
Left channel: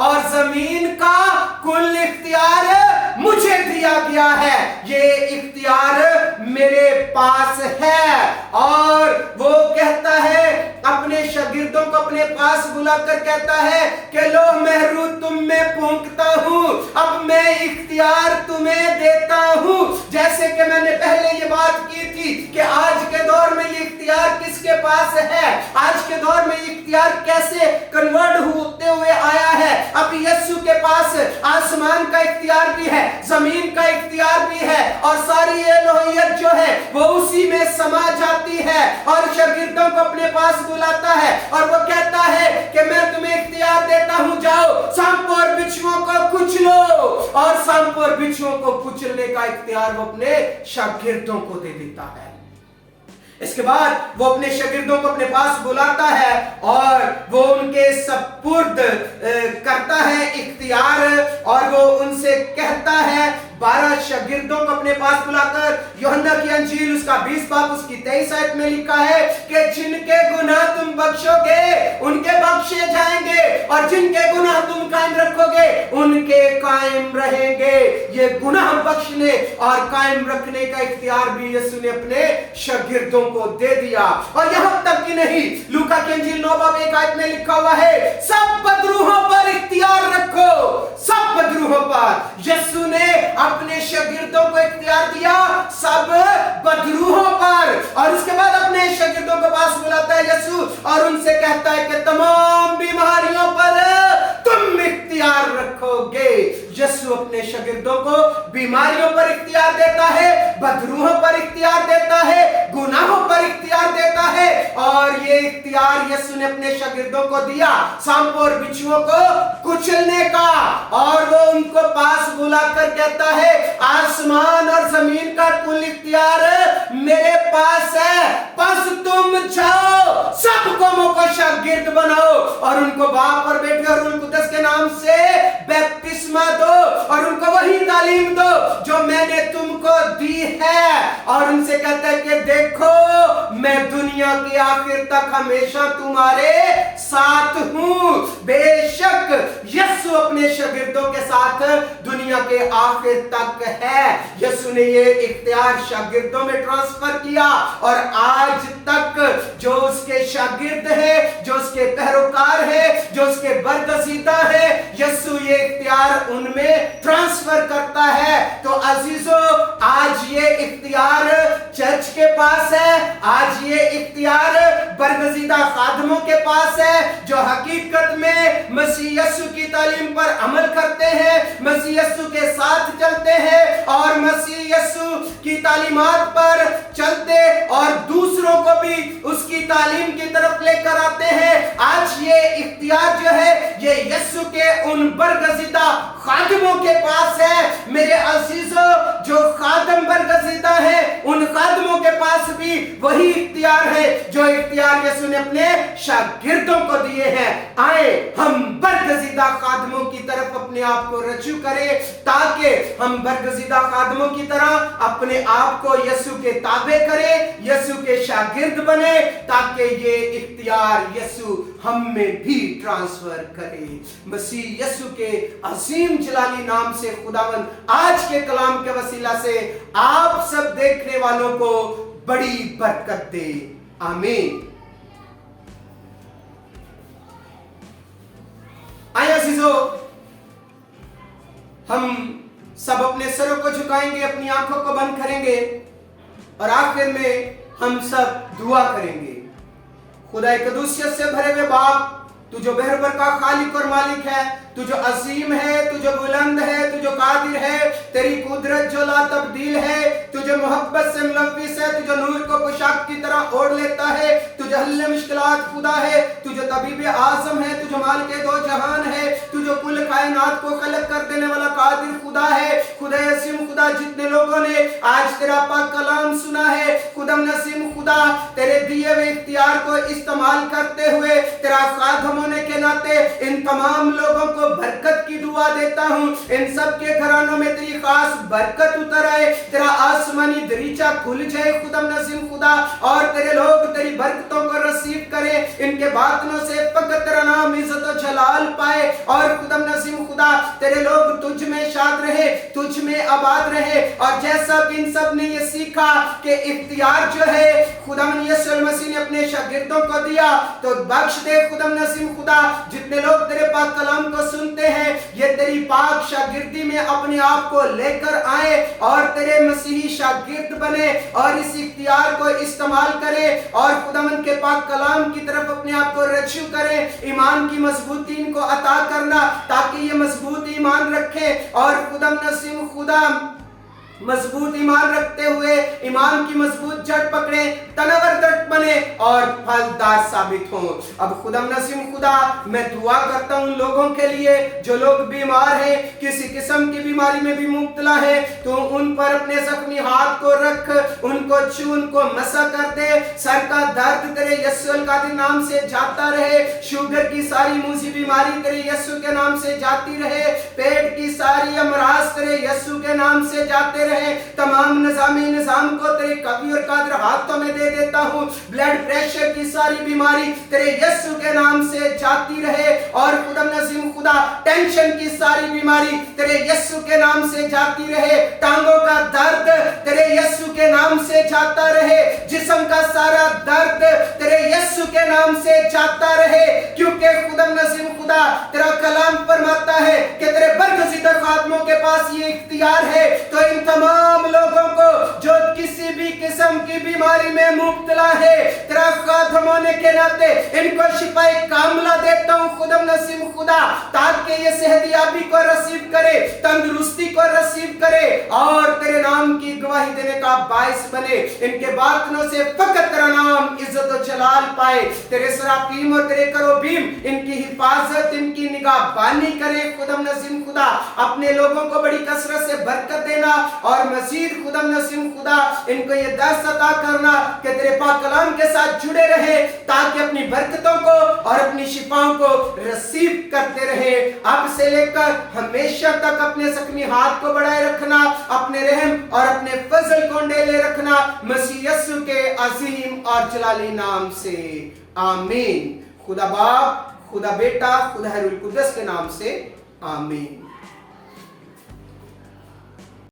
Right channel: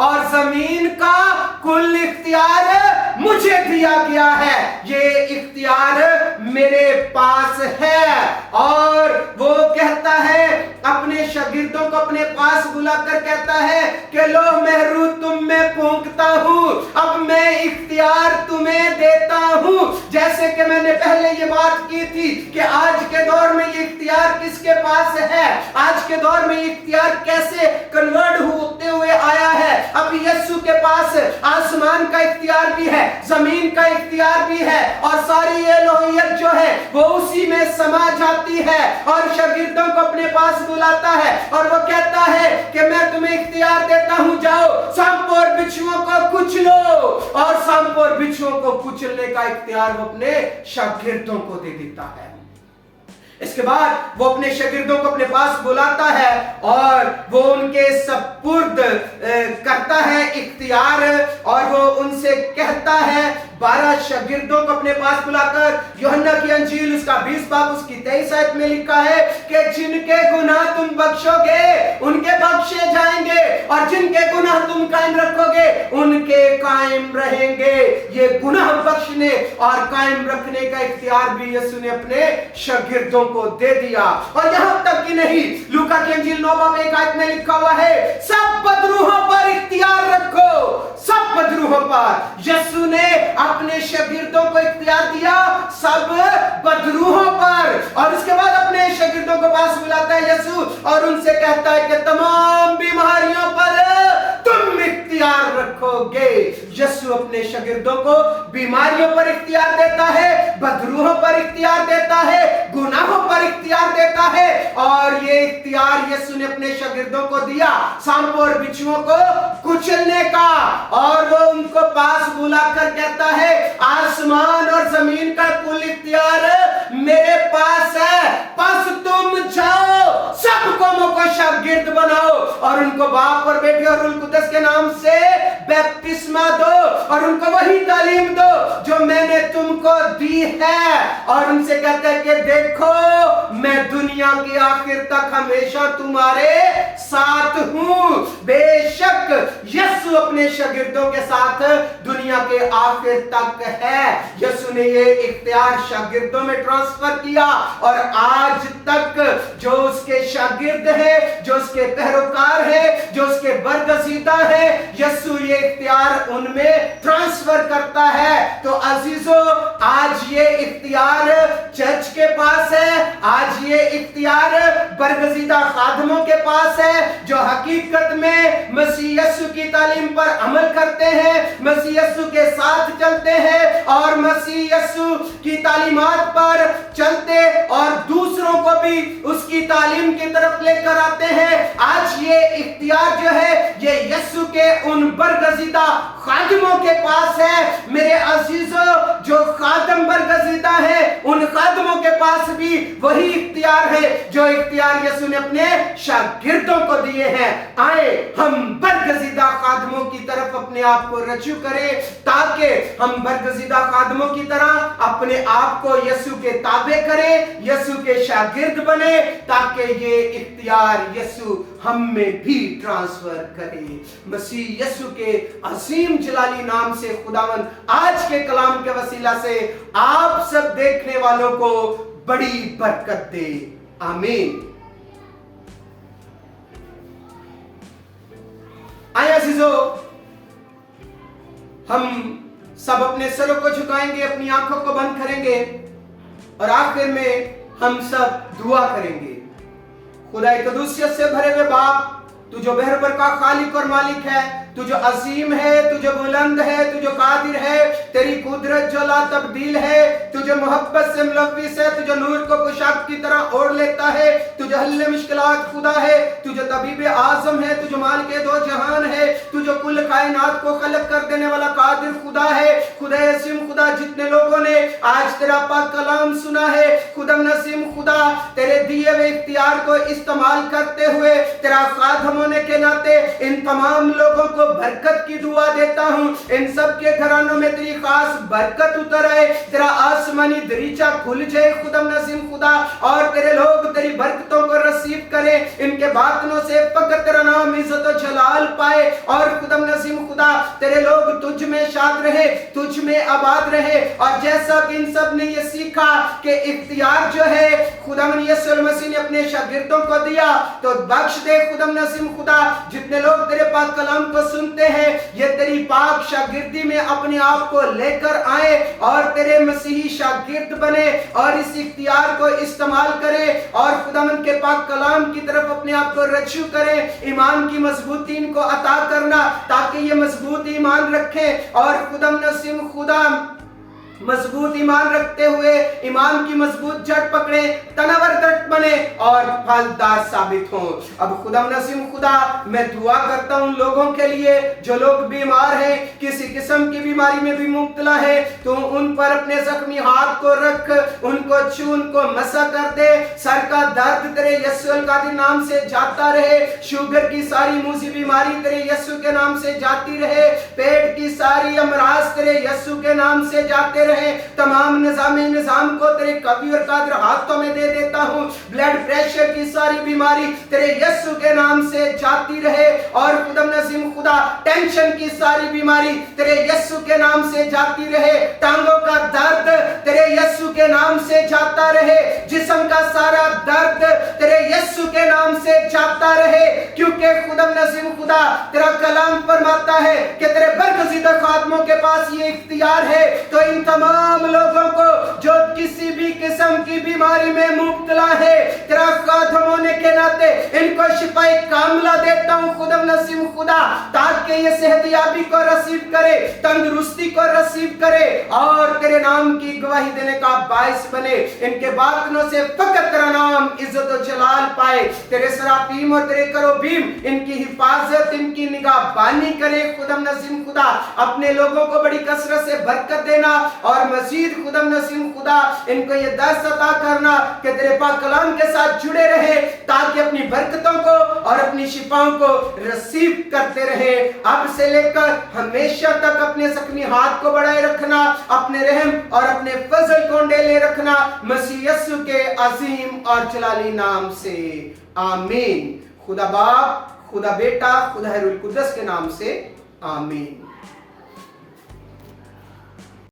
और जमीन का कुल इख्तियार मुझे दिया गया है, ये इख्तियार मेरे पास है। और वो कहता है अपने शागिर्दों को अपने पास बुलाकर कहता है कि लो मैं तुम में फूंकता हूं, अब मैं इख्तियार तुम्हें देता हूं। जैसे कि मैंने पहले ये बात की थी कि आज के दौर में ये इख्तियार किसके पास है, आज के दौर में इख्तियार कैसे कन्वर्ट होते हुए आया है। अब यीशु के पास आसमान का इख्तियार भी है, जमीन का इख्तियार भी है और सारी एलोहियत जो है वो उसी में समा जाती है। और शागिर्दों को अपने पास बुलाता है और वो कहता है कि मैं तुम्हें इख्तियार देता हूं, जाओ सांपों और बिच्छुओं को कुचलो। और सांपों और बिच्छुओं को कुचलने का इख्तियार वो अपने शागिर्दों को दे देता है। इसके बाद वो अपने शागिर्दों को अपने पास बुलाता है और वो उनके सपुर्द करता है इख्तियार और वो उनसे कहता है 12 शागिर्दों को अपने पास बुलाकर, यूहन्ना की अंजील उसका 20 बाब उसकी 23 आयत में लिखा है कि जिनके गुनाह तुम बख्शोगे उनके बख्शे जाएंगे और जिनके गुनाह तुम कायम रखोगे उनके कायम रहेंगे। ये गुनाह बख्शने और कायम रखने का इख्तियार भी यीशु ने अपने शागिर्दों को दे दिया। और यहां तक कि नहीं, लूका की अंजील 9 बाब 1 आयत में लिखा हुआ है सब बदरूहों पर इख्तियार रखो, सब बदरूहों पर। यीशु ने अपने शागिर्दों को इख्तियार दिया सब बदरूहों पर। और उसके बाद अपने शागिर्दों को पास बुलाता है यीशु और उनसे कहता है कि तमाम बीमारियों पर तुम इख्तियार रखोगे। यीशु अपने शागिर्दों को बीमारियों पर इख्तियार देता है, बदरूहों पर इख्तियार देता है, गुनाहों पर इख्तियार देता है। और ये इख्तियार यीशु ने अपने शागिर्दों को दिया सांपों और बिच्छुओं को कुचलने का। और वो उनको पास बुलाकर कहता है आसमान और जमीन का कुल इख्तियार मेरे पास है, बस तुम जाओ सब कौमों को शागिर्द बनाओ और उनको बाप और बेटे और रूह कुद्दस के नाम से बपतिस्मा दो और उनको वही तालीम दो जो मैंने तुमको दी है। और उनसे कहता है कि देखो मैं दुनिया की आखिर तक हमेशा तुम्हारे साथ हूं। बेशक यीशु अपने शागिर्दों के साथ दुनिया के आखिर तक है। यीशु ने ये इख्तियार शागिर्दों में ट्रांसफर किया और आज तक जो उसके शागिर्द हैं, जो उसके पैरोकार हैं, जो उसके बरगजीदा हैं, यीशु ये इख्तियार उनमें ट्रांसफर करता है। तो अजीजों, आज ये इख्तियार चर्च के पास है, आज ये इख्तियार बरगजीदा खादमों के पास है जो हकीकत में मसीह यीशु की तालीम पर अमल करते हैं, मसीह यीशु के साथ चलते हैं और मसीह यीशु की तालीमात पर चलते और दूसरों को भी उसकी तालीम की तरफ लेकर आते हैं। आज ये इख्तियार जो है ये यीशु के उन बरगजीदा खादिमों के पास है। मेरे अजीजों, जो खादम बरगजीदा है, उन खादिमों के पास भी वही इख्तियार है जो इख्तियार यीशु ने अपने शागिर्दों को दिए हैं। आए हम बरगजीदा खादिमों की तरफ अपने आप को रजू करें, ताकि हम बरगजीदा खादिमों की तरह अपने आप को यीशु के ताबे करें, यीशु के शागिर्द बने, ताकि ये इख्तियार यीशु हम में भी ट्रांसफर करे। मसीह यीशु के अजीम जलाली नाम से खुदावंद आज के कलाम के वसीला से आप सब देखने वालों को बड़ी बरकत दे। आमीन। आइए अजीजों, हम सब अपने सरों को झुकाएंगे, अपनी आंखों को बंद करेंगे और आखिर में हम सब दुआ करेंगे। खुदा कदूसियत से भरे हुए बाप, तू जो बहरबर का खालिक और मालिक है, तू जो अजीम है, तू जो बुलंद है, तू जो कादिर है, तेरी कुदरत जो ला तब्दील है, तू जो मोहब्बत से मुलव्विस है, तू जो नूर को पोशाक की तरह ओढ़ लेता है, तू जो हल्ले मुश्किलात खुदा है, तू जो तबीब आजम है, तू जो मालिक दो जहान है, तू जो कुल कायनात को खलक कर देने वाला कादिर खुदा है। खुदा असीम खुदा, जितने लोगों ने आज तेरा पाक कलाम सुना है, खुदम नसीम खुदा, तेरे दिए हुए इख्तियार को इस्तेमाल करते हुए तेरा खादम होने के नाते इन तमाम लोगों को बरकत की दुआ देता हूं। इन सब के घरानों में तेरी खास बरकत उतर आए, तेरा आसमानी दरीचा खुल जाए खुदम नसीम खुदा, और तेरे लोग तेरी बरकतों को रिसीव करें। इनके बातनों से फकत तेरा नाम इज्जत और जलाल पाए, और खुदम नसीम खुदा तेरे लोग तुझ में शाद रहे, तुझ में आबाद रहे। और जैसा कि इन सब ने ये सीखा कि इख्तियार जो है खुदाम यीशु मसीह ने अपने शागिर्दों को दिया, तो बख्श दे खुदम नसीम खुदा। जितने लोग तेरे पाक कलाम को सुनते हैं, ये तेरी पाक शागिर्दी में अपने आप को लेकर आए और तेरे मसीही शागिर्द बने और इस इख्तियार को इस्तेमाल करें और खुदावंद के पाक कलाम की तरफ अपने आप को रज्जू करें। ईमान की मजबूती इनको अता करना, ताकि ये मजबूत ईमान रखें और खुदाम नसीम खुदा मजबूत ईमान रखते हुए ईमान की मजबूत जड़ पकड़े, तनावर दृढ़ बने और फलदार साबित हों। अब खुदा नसीम खुदा, मैं दुआ करता हूं लोगों के लिए जो लोग बीमार हैं, किसी किस्म की बीमारी में भी मुब्तला है, तो उन पर अपने जख्मी हाथ को रख, उनको छू, उनको मसा कर दे। सर का दर्द तेरे यीशु के नाम से जाता रहे, शुगर की सारी मूजी बीमारी तेरे यीशु के नाम से जाती रहे, पेट की सारी अमराज तेरे यीशु के नाम से जाते रहे। तमाम निजाम को तेरे कवी और कादिर हाथों में दे देता हूं। ब्लड प्रेशर की सारी बीमारी तेरे यीशु के नाम से जाती रहे, और खुदा नसीम खुदा टेंशन की सारी बीमारी तेरे यीशु के नाम से जाती रहे, टांगों का दर्द तेरे यीशु के नाम से जाता रहे, जिस्म का सारा दर्द तेरे यीशु के नाम से जाता रहे, क्योंकि खुदा नसीम खुदा तेरा कलाम फरमाता है कि तेरे बरगज़ीदा खादमों के पास ये इख्तियार है। तो इन तमाम लोगों को जो किसी भी किस्म की बीमारी में मुब्तला है, तेरा खादम होने के नाते इनको शिफाए कामिला देता हूं खुदा नसीम खुदा, ताकि ये सेहतियाबी को रिसीव करे, तंदुरुस्ती को रिसीव करे और तेरे नाम की गवाही देने का बाइस बने। इनके बातनों से फकत तेरा नाम इज्जत और जलाल पाए। तेरे सराफीम और तेरे करोबीम इनकी हिफाजत, इनकी निगाहबानी करे खुदा नसीम खुदा। अपने लोगों को बड़ी कसरत से बरकत देना और मजीद खुदा नसीम खुदा इनको ये दर्स अता करना कि तेरे पाक कलाम के साथ जुड़े रहे, ताकि अपनी बरकतों को और अपनी शिफाओं को रिसीव करते रहे। अब से लेकर हमेशा तक अपने जख्मी हाथ को बढ़ाए रखना, अपने रहम और अपने फजल को डेले रखना, मसीह यीशु के अजीम और जलाली नाम से आमीन। खुदा बाप, खुदा बेटा, खुदा रूह कुद्दस के नाम से आमीन।